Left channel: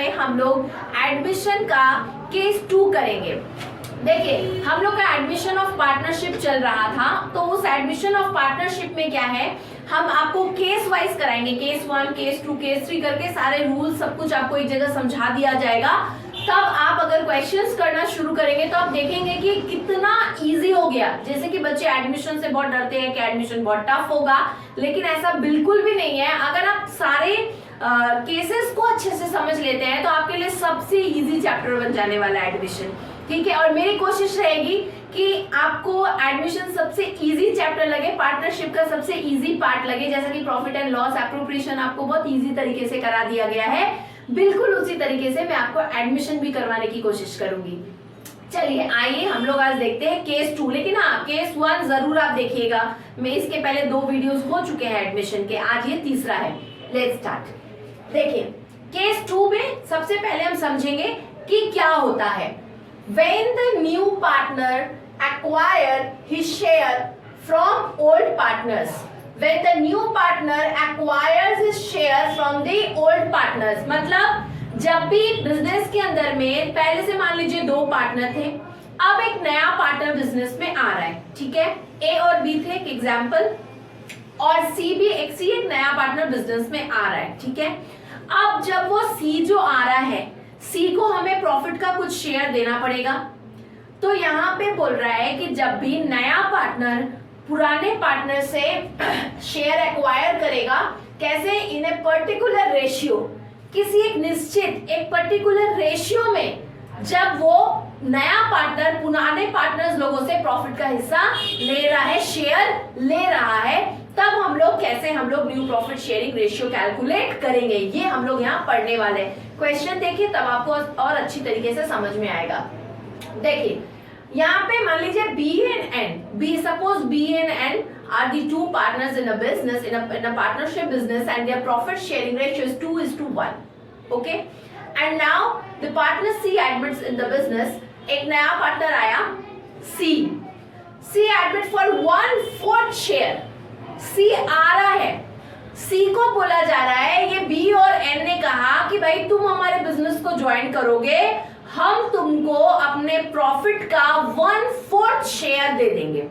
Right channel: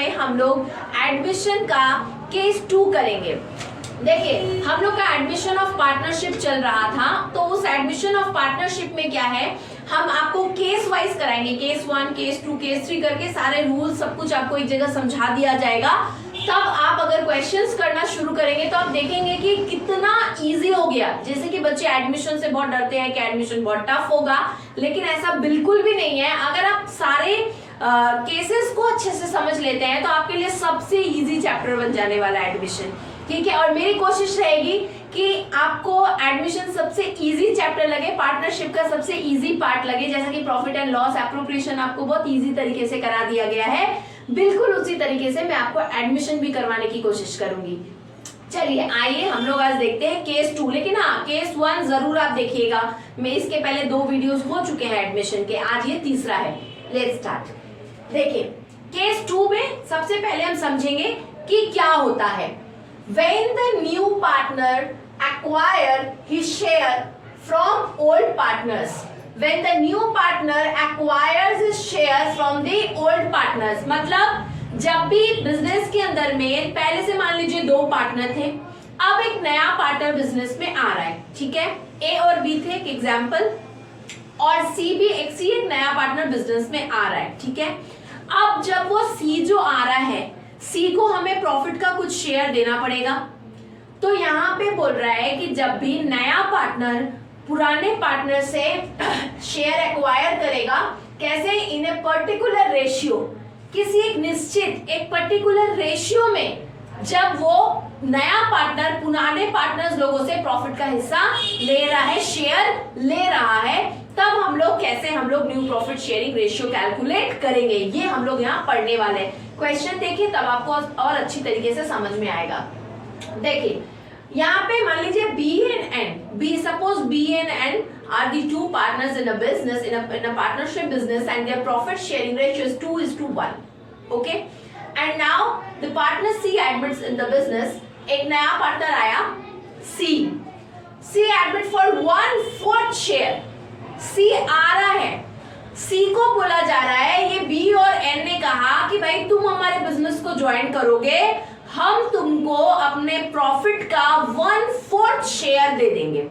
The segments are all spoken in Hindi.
में हम लोग एडमिशन का केस 2 करेंगे। देखिए हम लोग का एडमिशन ऑफ पार्टनरशिप चल रहा था, तो उस एडमिशन ऑफ पार्टनरशिप में क्या है, हम आपको केस वाइज कराएंगे, केस 1, केस 2, केस 3 करके सारे रूल सब कुछ आपको एक जगह समझा दिया जाएगा। तब आप अगर क्वेश्चंस करना शुरू करेंगे तो आप देखेंगे कि कितना इजी हो गया। जैसे कि बच्चे एडमिशन से बहुत डरते हैं कि एडमिशन बहुत टफ होगा, लेकिन ऐसा बिल्कुल भी नहीं है। अगर आप सारे केसेस को अच्छे से समझ लेते हैं तो आपके लिए सबसे इजी चैप्टर बन जाने वाला है एडमिशन, ठीक है। और मेरी कोशिश रहेगी कि आपको एडमिशन सबसे इजी चैप्टर लगे, पार्टनरशिप का सबसे इजी पार्ट लगे। जैसा कि प्रॉफिट एंड लॉस एप्रोप्रिएशन आपको बहुत इजी तरीके से करा दिया गया है, बिल्कुल उसी तरीके से मैं आपको एडमिशन भी करवाने की कोशिश करूंगी। चलिए आइए हम लोग आज देखते हैं केस 2, लेकिन हाँ केस 1 जरूर आप देखिएगा। मैं इसके पहले 2 वीडियोस हो चुके हैं एडमिशन के, आज ये तीसरा है। Let's start. देखिए केस 2 में सबसे पहले हम समझेंगे कि क्या होता है। When the new partner acquire his share from old partners, when the new partner acquires his share from the old partners, मतलब जब भी बिजनेस के अंदर में पहले से मान लीजिए 2 पार्टनर थे, अब एक नया पार्टनर बिजनेस में आ रहा है, ठीक है। ए और बी थे एक एग्जाम्पल, और सी भी एक नया पार्टनर बिजनेस में आ रहा है, ठीक है। अब जब वो सी जो आ रहा है, सी को हमें प्रॉफिट का कुछ शेयर देना पड़ेगा। तो यहाँ पे बोल रहा है कि जब भी नया पार्टनर पुराने पार्टनर से शेयर एक्वायर करेगा, कैसे, इन ए पर्टिकुलर रेशियो, किसी एक निश्चित एक पर्टिकुलर रेशियो में, जब वो नया पार्टनर पुराने पार्टनर्स लोगों से प्रॉफिट का हिस्सा ले रहा है, शेयर ले रहा है, तब हम लोग new profit sharing ratio calculate करेंगे। ये हम लोग यहाँ पढ़ने वाले हैं। क्वेश्चन देखिए तब आपको और अच्छी तरीके से समझ में आएगा। देखिए यहाँ पे मान लीजिए B and N, suppose B and N are the 2 partners in a business, in a partnership business, and their profit sharing ratio is 2:1, okay. And now the partner C admits in the business, एक नया पार्टनर आया C admit for 1/4 share. C आ रहा है, सी को बोला जा रहा है, ये बी और एन ने कहा कि भाई तुम हमारे बिजनेस को ज्वाइन करोगे, हम तुमको अपने प्रॉफिट का 1/4 शेयर दे देंगे।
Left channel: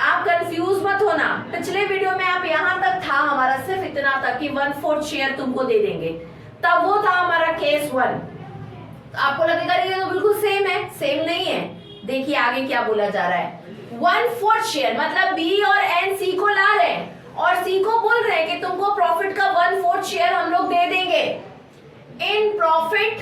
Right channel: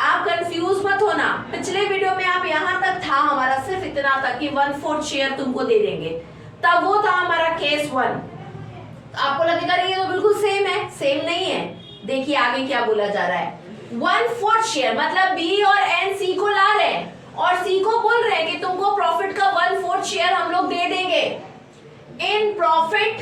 आप कंफ्यूज मत होना, पिछले वीडियो में आप यहां तक था हमारा सिर्फ इतना तक कि 1/4 शेयर तुमको दे देंगे, तब वो था हमारा केस 1। तो आपको लगेगा ये तो बिल्कुल सेम है, सेम नहीं है। देखिए आगे क्या बोला जा रहा है, 1/4 शेयर मतलब बी और एन सी को ला रहे हैं और सी को बोल रहे हैं कि तुमको प्रॉफिट का 1/4 शेयर हम लोग दे देंगे in profit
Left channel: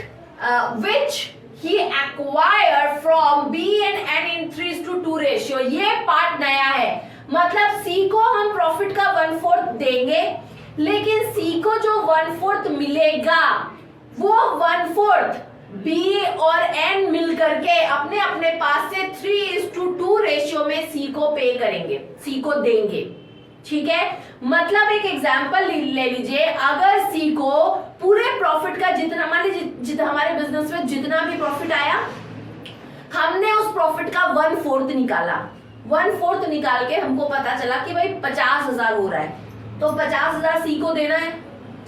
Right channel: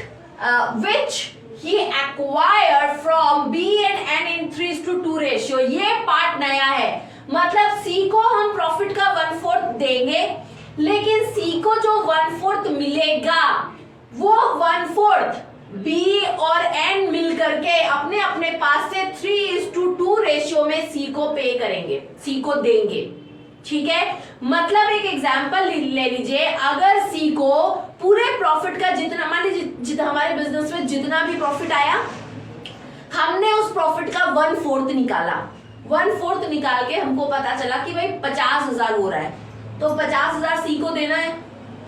which he acquire from B and N in 3:2 ratio. ये पार्ट नया है, मतलब सी को हम प्रॉफिट का 1/4 देंगे, लेकिन सी को जो 1/4 मिलेगा वो 1/4 बी और एन मिल करके अपने अपने पास से 3:2 रेशियो में सी को पे करेंगे, सी को देंगे, ठीक है। मतलब एक एग्जांपल ले लीजिए, अगर सी को पूरे प्रॉफिट का जितना, मान लीजिए हमारे बिजनेस में जितना भी प्रॉफिट आया, हमने उस प्रॉफिट का 1/4 निकाला, 1/4 निकाल के हमको पता चला कि भाई 50,000 हो रहा है, तो 50,000 सी को देना है,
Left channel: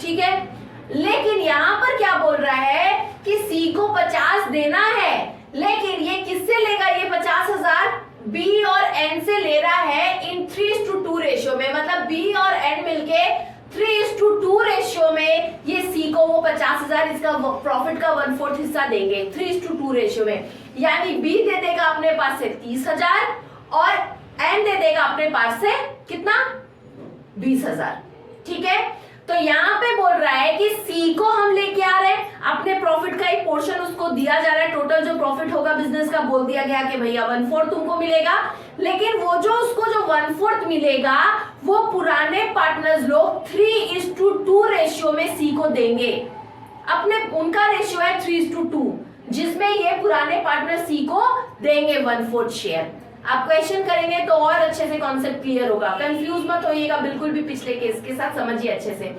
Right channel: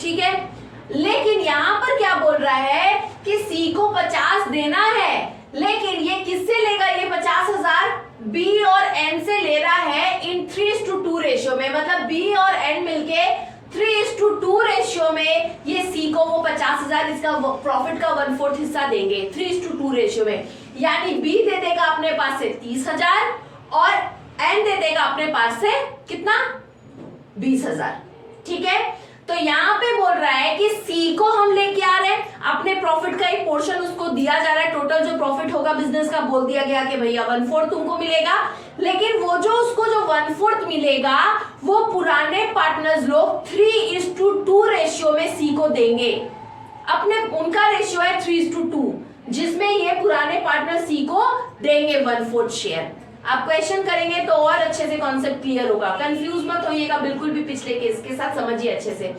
ठीक है। लेकिन यहां पर क्या बोल रहा है कि सी को 50 देना है, लेकिन ये किससे लेगा, ये 50,000 बी और एन से ले रहा है इन 3:2 रेशियो में, मतलब बी और एन मिलके 3:2 रेशियो में ये सी को वो 50,000 इसका प्रॉफिट का 1/4 हिस्सा देंगे 3:2 रेशियो में। यानी बी दे देगा अपने पास से 30,000 और एन दे देगा अपने पास से कितना, 20,000, ठीक है। तो यहाँ पे बोल रहा है कि सी को हम लेके आ रहे हैं, अपने प्रॉफिट का एक पोर्शन उसको दिया जा रहा है, टोटल जो प्रॉफिट होगा बिजनेस का बोल दिया गया कि भैया 1/4 तुमको मिलेगा, लेकिन वो जो उसको जो 1/4 मिलेगा वो पुराने पार्टनर्स लोग 3:2 रेशियो में सी को देंगे। अपने उनका रेशियो है 3:2, जिसमें ये पुराने पार्टनर सी को देंगे 1/4 शेयर। आप क्वेश्चन करेंगे तो और अच्छे से कॉन्सेप्ट क्लियर होगा, कंफ्यूज मत होइएगा बिल्कुल भी, पिछले केस के साथ समझिए अच्छे से।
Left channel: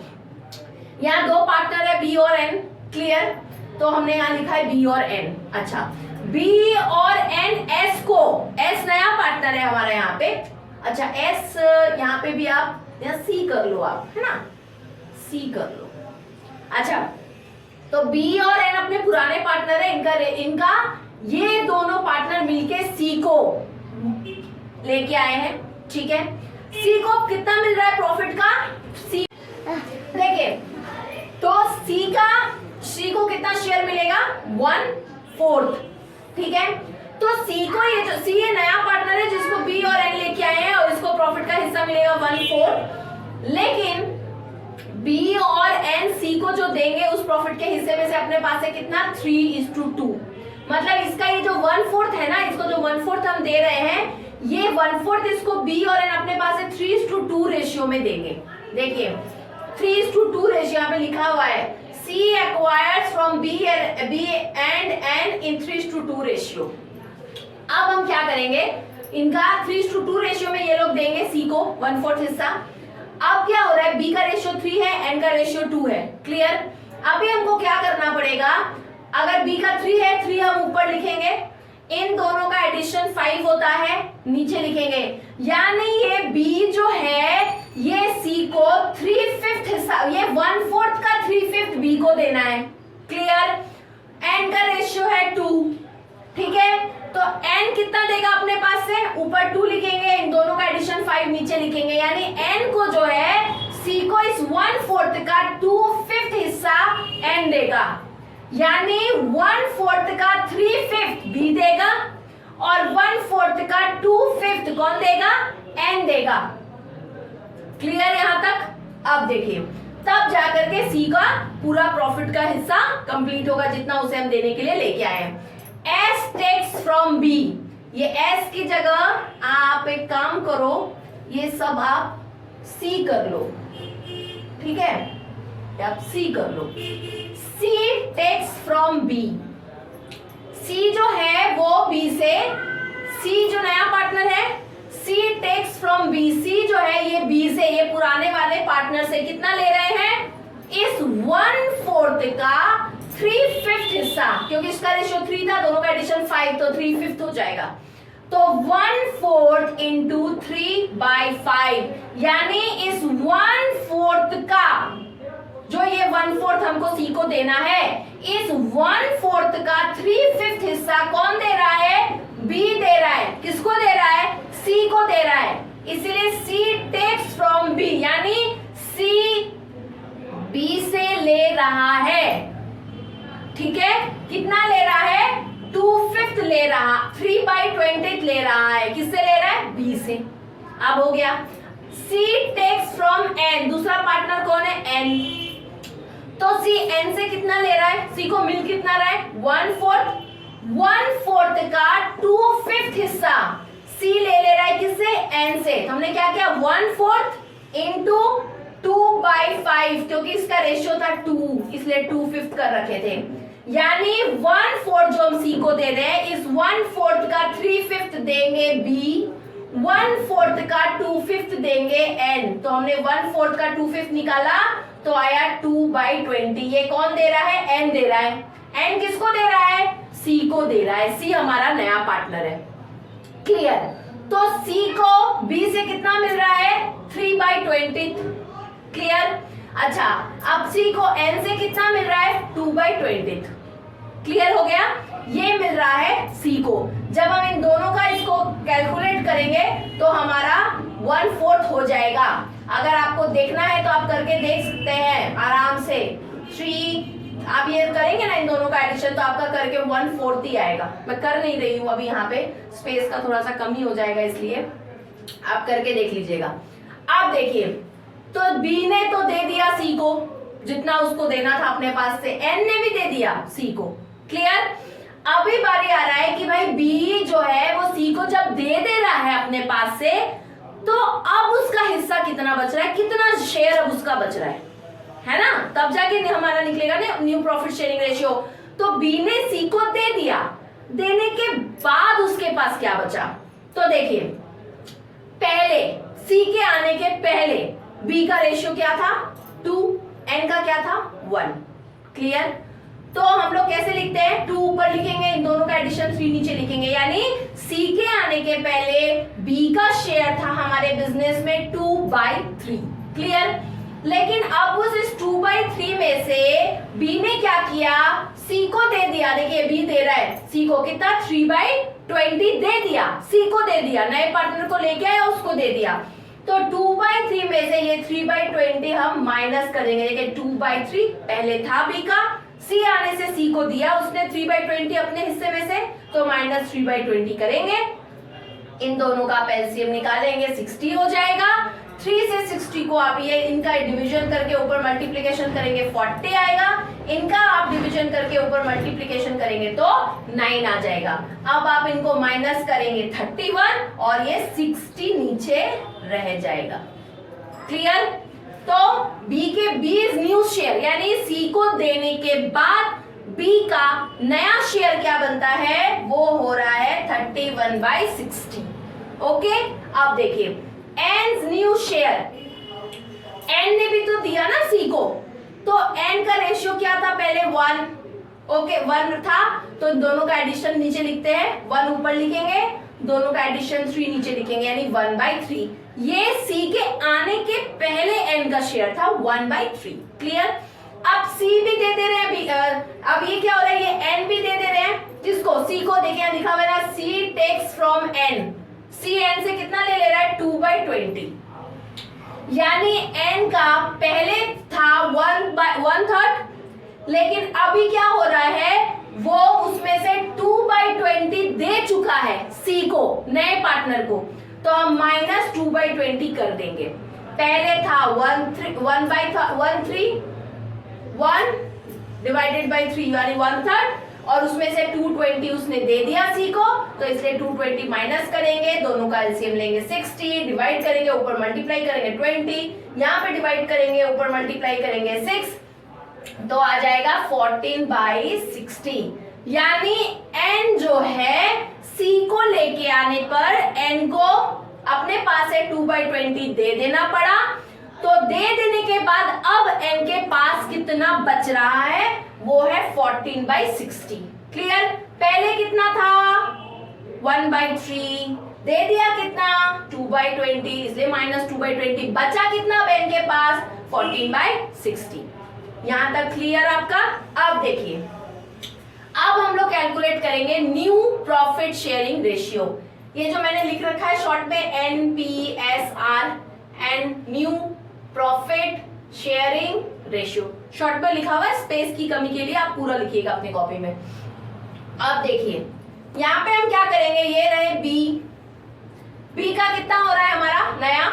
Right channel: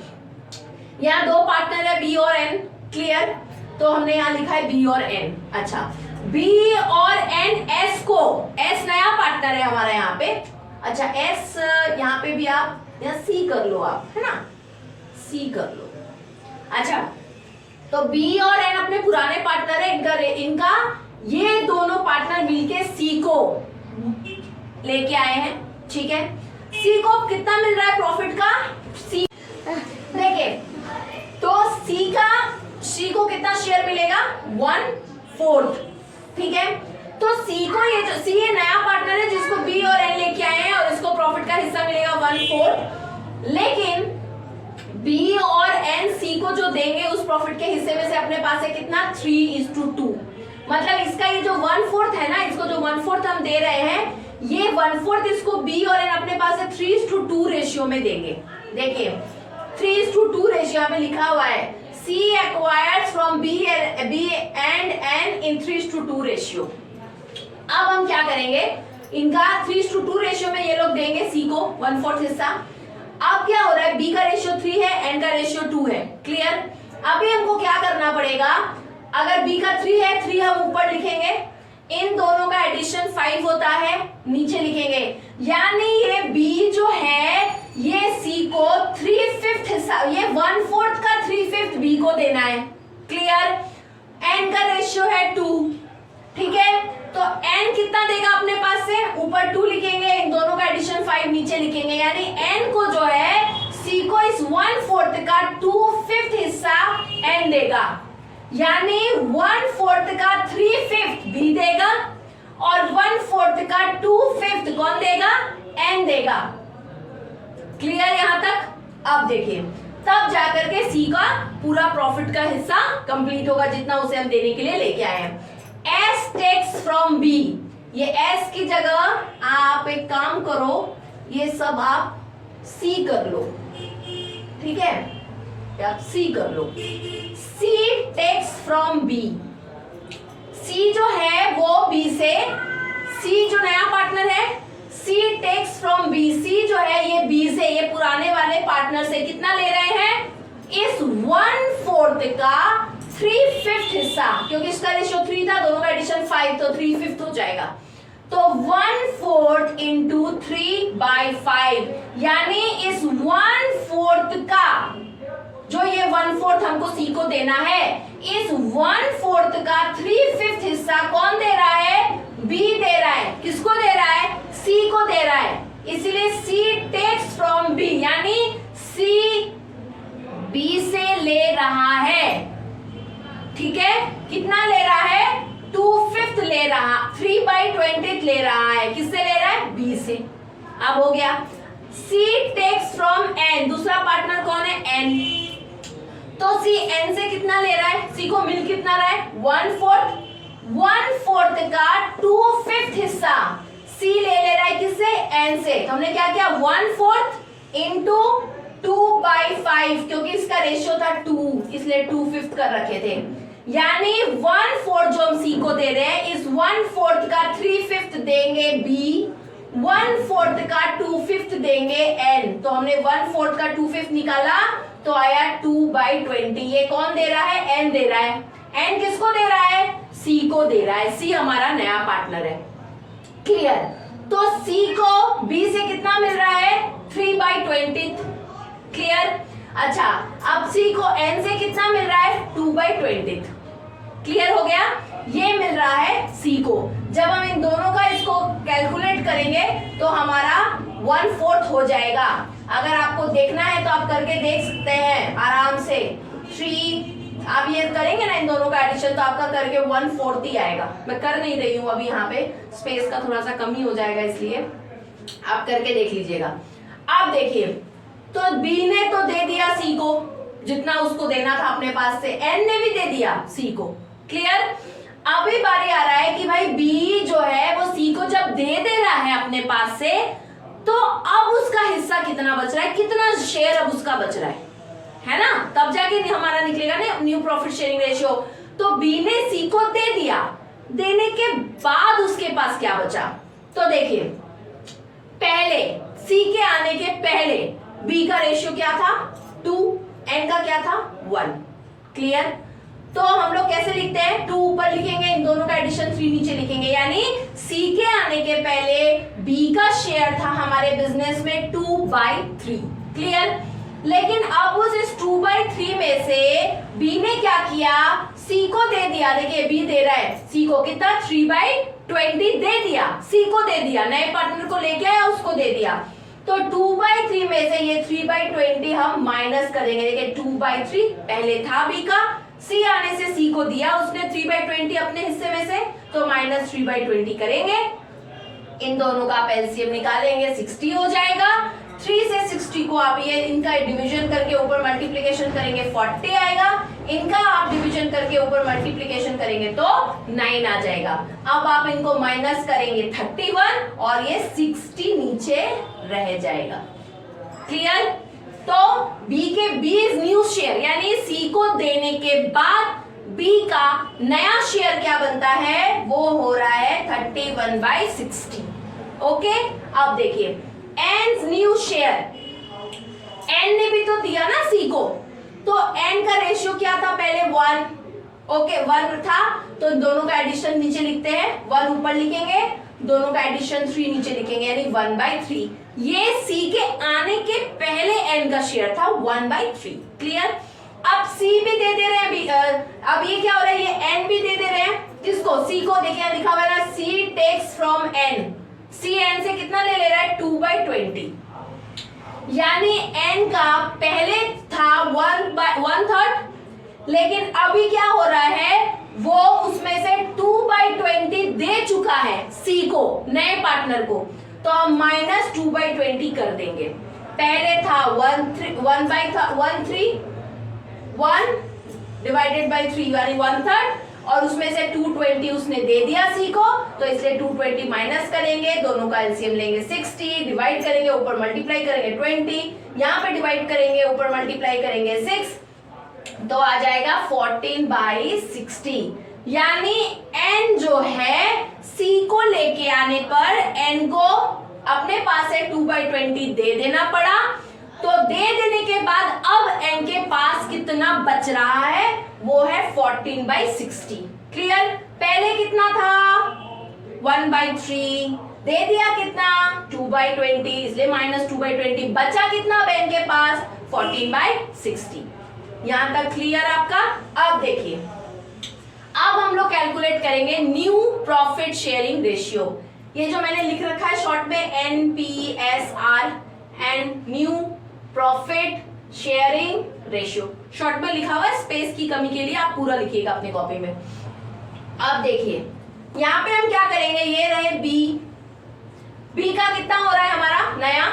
यहाँ 2 पार्टनर है बी और एन, क्लियर। तो हमने यहाँ लिखा है बी और एन। अच्छा, बी और एन, एस को, एस नया पार्टनर है हमारा यहाँ पे। अच्छा एस यहाँ पे भी आप यहाँ सी कर लो, आप है ना, सी कर लो। अच्छा तो बी और एन अपने पुराने पार्टनर है, इनका ये दोनों पार्टनर मिलके सी को लेके आए हैं, ठीक है। सी को कितना मिल रहा है प्रॉफिट का, सी देखिए तो सी को कितना शेयर मिलेगा, 1/4, ठीक है। तो सी को ये जो सी ये नया पार्टनर है जिसको बी और एन लेके आए हैं और इसको प्रॉफिट का हिस्सा मिलेगा 1/4, लेकिन बी और एन सी को जो देंगे उस प्रॉफिट के हिस्से में से अपने पास है कितना, 3:2। मतलब इसका ये जो 1/4 है ना, इसको जो 1/4 हम दे रहे हैं, ये 1/4 इसको बी और एन अपने पास है 3:2 रेशियो में देंगे। देखिए 3:2 रेशियो यहाँ पे लिखा हुआ है, C acquires from B and N in 3:2 ratio. अब हम क्या करेंगे, इनका 3:2 रेशियो में ये लोग देंगे सी को 1/4 हिस्सा। अब क्या हो रहा है, बी का रेशियो 3 है, एन का रेशियो 2 है, क्लियर। अभी हमको क्या करना पड़ेगा, अगर बी का 3 है, 3 हम ऊपर लिखेंगे, इन दोनों का एडिशन 5 होता है, नीचे लिखेंगे, यानी ये बी जो है ये सी को 3/5 हिस्सा, ये 1/4 का 3/5 बी को देना है, क्लियर। एन का रेशियो है 2, ठीक है। तो एन कितना देगा अपने पास से, ऊपर 2 लिखेंगे, इन दोनों का एडिशन 5 नीचे लिखेंगे, यानी एन को जो है सी को इस 1/4 का 2/5 हिस्सा एन देगा, यानी 1/4 का 3/5 बी देगा और 1/4 का 2/5 कौन देगा, एन देगा, क्लियर यहां तक। अब देखिए तब जाकर के सी का पूरा प्रॉफिट का हिस्सा कंप्लीट होगा जितना उसे हम देने के लिए लेके आए हैं। S टेक्स फ्रॉम B, ये S की जगह आप एक काम करो, ये सब आप C कर लो, ठीक है, आप C कर लो। C takes from B, C जो है वो B से, C जो नया पार्टनर है, C takes from B, C जो है ये B से, ये पुराने वाले पार्टनर से कितना ले रहे हैं, इस 1/4 का 3/5 हिस्सा, क्योंकि इसका रेशियो 3 था, दोनों का एडिशन 5, तो 3/5 हो जाएगा। तो 1/4 इंटू 3/5, यानी इस 1/4 का जो ये 1/4 हमको सी को देना है, इस 1/4 का 3/5 हिस्सा कौन दे रहा है, बी दे रहा है। किसको दे रहा है, सी को दे रहा है, इसलिए सी टेक्स फ्रॉम बी, यानी सी बी से ले रहा है, ठीक है। कितना ले रहा है, 2/5 ले रहा, 3/20 ले रहा है, किससे ले रहा है, बी से। अब हो गया। सी टेक्स फ्रॉम एन, दूसरा पार्टनर कौन है, एन, तो सी एन से कितना ले रहा है, सी को मिल कितना रहा है, 1/4 का 2/5 हिस्सा सी ले रहा है, किससे, एन से। तो हमने क्या किया, 1/4 इंटू 2/5, क्योंकि इसका रेशियो था 2, इसलिए 2/5 कर रखे थे, यानी 1/4 जो हम सी को दे रहे हैं, इस 1/4 का 3/5 देंगे बी, 1/4 का 2/5 देंगे एन। तो हमने 1/4 का 2/5 निकाला तो आया 2/20। ये कौन दे रहा है, एन दे रहा है। एन किसको दे रहा है, सी को दे रहा है, सी हमारा नया पार्टनर है, क्लियर। तो सी को बी से कितना मिल रहा है, 3/20, क्लियर। अच्छा, अब सी को एन से कितना मिल रहा है, 2/20, क्लियर हो गया। ये मिल रहा है सी को। जब हम इन दोनों का इसको कैलकुलेट करेंगे तो हमारा 1/4 हो जाएगा। अगर आपको देखना है तो आप करके देख सकते हैं आराम से। 3 आप ये करेंगे ना इन दोनों का एडिशन, तो आपका करके 1/4 ही आएगा। मैं कर नहीं रही हूँ अभी, यहाँ पे स्पेस का थोड़ा सा कमी हो जाएगा, इसलिए आप करके देख लीजिएगा। आप देखिए, तो बी ने तो दे दिया सी को जितना उसको देना था अपने पास से, एन ने भी दे दिया सी को, क्लियर। अभी बारी आ रहा है कि भाई बी जो है वो सी को जब दे रहा है अपने पास से, तो अब उसका हिस्सा कितना बच रहा है, कितना शेयर अब उसका बच रहा है ना, तब जाके हमारा निकलेगा ना न्यू प्रॉफिट शेयरिंग रेशियो। तो बी ने सी को दे दिया, देने के बाद उसके पास क्या बचा, तो देखिए पहले सी के आने के पहले बी का रेशियो क्या था, 2, एन का क्या था, 1, क्लियर। तो हम लोग कैसे लिखते हैं, 2 ऊपर लिखेंगे, इन दोनों का एडिशन 3 नीचे लिखेंगे, यानी सी के आने के पहले बी का शेयर था हमारे बिजनेस में 2/3, क्लियर। लेकिन अब उस 2/3 में से बी ने क्या किया, सी को दे दिया। देखिए बी दे रहा है सी को कितना, 3/20 दे दिया, सी को दे दिया, नए पार्टनर को लेके आया उसको दे दिया। तो 2/3 में से ये 3/20 हम माइनस करेंगे। देखिए 2/3 पहले था बी का, सी आने से सी को दिया उसने 3/20 अपने हिस्से में से, तो माइनस 3/20 करेंगे। इन दोनों का आप एलसीएम निकालेंगे, 60 हो जाएगा। 3 से 60 को आप ये इनका डिवीजन करके ऊपर मल्टीप्लिकेशन करेंगे 40 आएगा, इनका आप डिवीजन करके ऊपर मल्टीप्लिकेशन करेंगे तो 9 आ जाएगा। अब आप इनको माइनस करेंगे 31 और ये 60 नीचे रह जाएगा। क्लियर? तो बी के बी इज न्यू शेयर, यानी सी को देने के बाद बी का नया शेयर क्या बनता है, वो हो रहा है 31/60। ओके, अब देखिए एन न्यू शेयर, एन ने भी तो दिया ना सी को, तो एन का रेशियो क्या था पहले 1, ओके 1 था, तो दोनों का एडिशन नीचे लिखते हैं, 1 ऊपर लिखेंगे, दोनों का एडिशन 3 नीचे लिखेंगे, यानी 1/3। ये सी के आने के पहले एन का शेयर था 1/3। क्लियर? अब सी भी दे रहे हैं, अब ये क्या हो रहा है, ये एन भी दे रहे हैं, किसको, सी को। देखिए लिखा हुआ है C takes from N, C N से कितना ले रहा है, 2/20, यानी एन का पहले था 1/3, लेकिन अभी क्या हो रहा है, वो उसमें से 2/20 दे चुका है सी को, नए पार्टनर को, तो हम माइनस 2/20 कर देंगे। पहले था 1 डिवाइडेड बाई 3 यानी 1/3, और उसमें से 220 उसने दे दिया सी को, तो इसलिए 220 माइनस करेंगे, दोनों का एलसीएम लेंगे 60, डिवाइड करेंगे, ऊपर मल्टीप्लाई करेंगे 20, यहाँ पे डिवाइड करेंगे, ऊपर मल्टीप्लाई करेंगे 6, तो आ जाएगा 14/60। यानी n जो है c को लेके आने पर n को अपने पास से 2/20 दे देना पड़ा, तो दे देने के बाद अब n के पास कितना बच रहा है, वो है 14/60। क्लियर? पहले कितना था 1/3, दे दिया कितना 2/20, इसलिए माइनस 2/20, बचा कितना अब n के पास 14/60। यहां तक क्लियर आपका? अब देखिए, अब हम लोग कैलकुलेट करेंगे न्यू प्रॉफिट शेयरिंग रेशियो। ये जो मैंने लिख रखा है शॉर्ट में NPSR and new profit sharing ratio, short में लिखा हुआ है, स्पेस की कमी के लिए आप पूरा लिखिएगा अपनी कॉपी में। अब देखिए यहां पे हम क्या करेंगे, ये रहे बी का कितना हो रहा है हमारा नया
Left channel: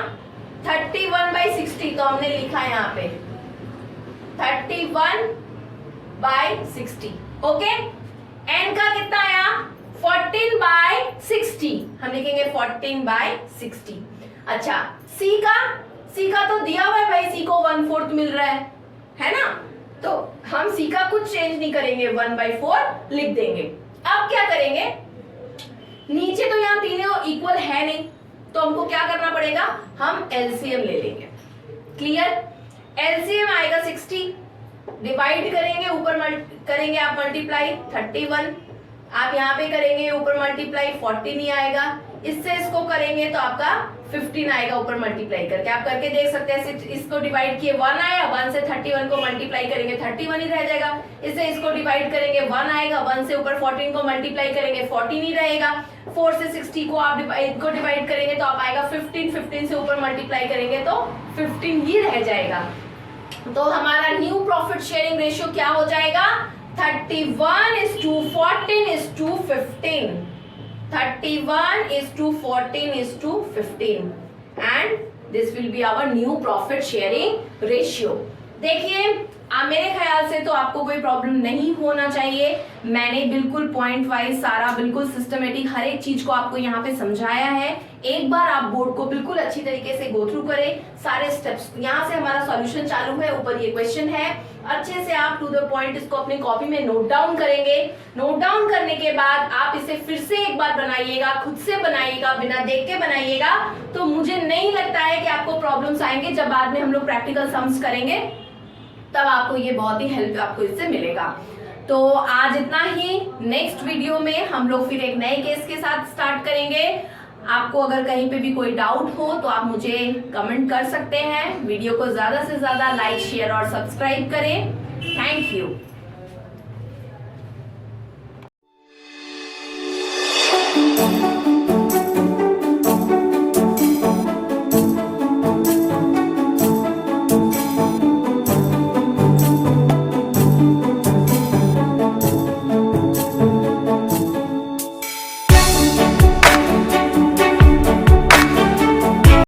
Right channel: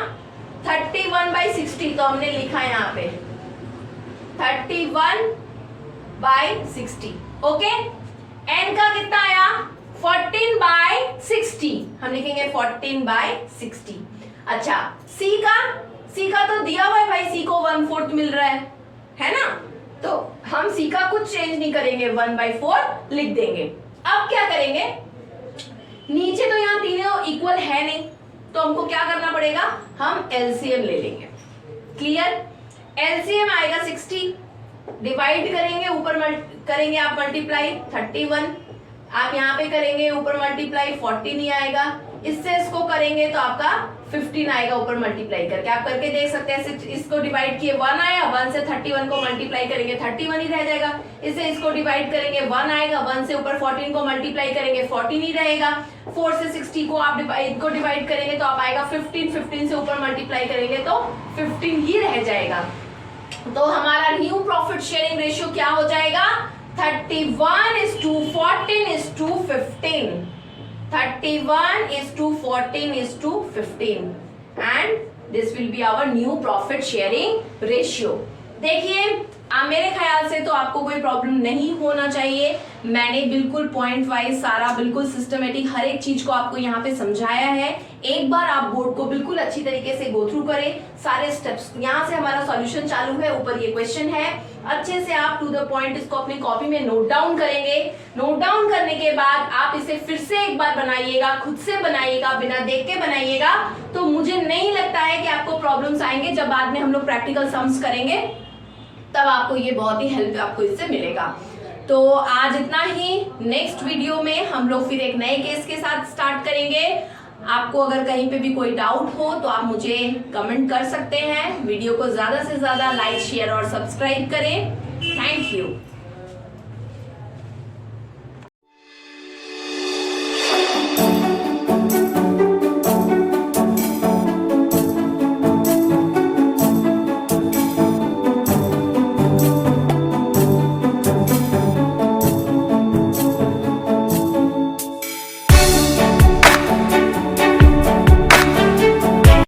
31/60, तो हमने लिखा यहाँ पे 31/60। ओके, एन का कितना आया 14/60, हम लिखेंगे 14/60। अच्छा सी का तो दिया हुआ है भाई, सी को 1/4 मिल रहा है ना, तो हम सी का कुछ चेंज नहीं करेंगे, 1/4 लिख देंगे। अब क्या करेंगे, नीचे तो यहाँ तीनों इक्वल है नहीं, तो हमको क्या करना पड़ेगा, हम एलसीएम ले लेंगे। क्लियर? एलसीएम आएगा 60, डिवाइड करेंगे, ऊपर करेंगे आप मल्टीप्लाई 31, आप यहाँ पे करेंगे ऊपर मल्टीप्लाई 40 नहीं आएगा, इससे इसको करेंगे तो आपका 15 आएगा ऊपर मल्टीप्लाई करके, आप करके देख सकते हैं। इसको डिवाइड किए 1 आया, 1 से 31 को मल्टीप्लाई करेंगे 31 ही रह जाएगा, इससे इसको डिवाइड करेंगे 1 आएगा, 1 से ऊपर 14 को मल्टीप्लाई करेंगे 14 ही रहेगा, 4 से 60 को आप इनको डिवाइड करेंगे तो आप आएगा 15, 15 से ऊपर मल्टीप्लाई करेंगे तो 15 ही रह जाएगा। तो हमारा न्यू प्रॉफिट शेयरिंग रेशियो क्या हो जाएगा, 31:14:15, 31:14:15, and this will be our new profit sharing ratio। देखिए मेरे ख्याल से तो आपको कोई प्रॉब्लम नहीं होना चाहिए, मैंने बिल्कुल पॉइंट वाइज सारा बिल्कुल सिस्टमेटिक हर एक चीज को आपको यहाँ पे समझाया है। एक बार आप बोर्ड को बिल्कुल अच्छी तरीके से गो थ्रू करें, सारे स्टेप्स, यहाँ से हमारा सॉल्यूशन चालू है, ऊपर ये क्वेश्चन है, अच्छे से आप टू द पॉइंट इसको अपनी कॉपी में नोट डाउन करेंगे। नोट डाउन करने के बाद आप इसे फिर से एक बार बनाइएगा, खुद से बनाइएगा, बिना देख के बनाइएगा, तो मुझे नहीं लगता है कि आपको प्रॉब्लम्स आएंगे। जब बाद में हम लोग प्रैक्टिकल सम्स करेंगे तब आपको ये बहुत ही हेल्प आपको इससे मिलेगा। तो आज इतना ही। नेक्स्ट वीडियो में हम लोग फिर एक नए केस के साथ स्टार्ट करेंगे। आपको अगर कहीं पे भी कोई डाउट हो तो आप मुझे कमेंट कर सकते हैं। वीडियो को ज्यादा से ज्यादा लाइक, शेयर और सब्सक्राइब करें। Thank you.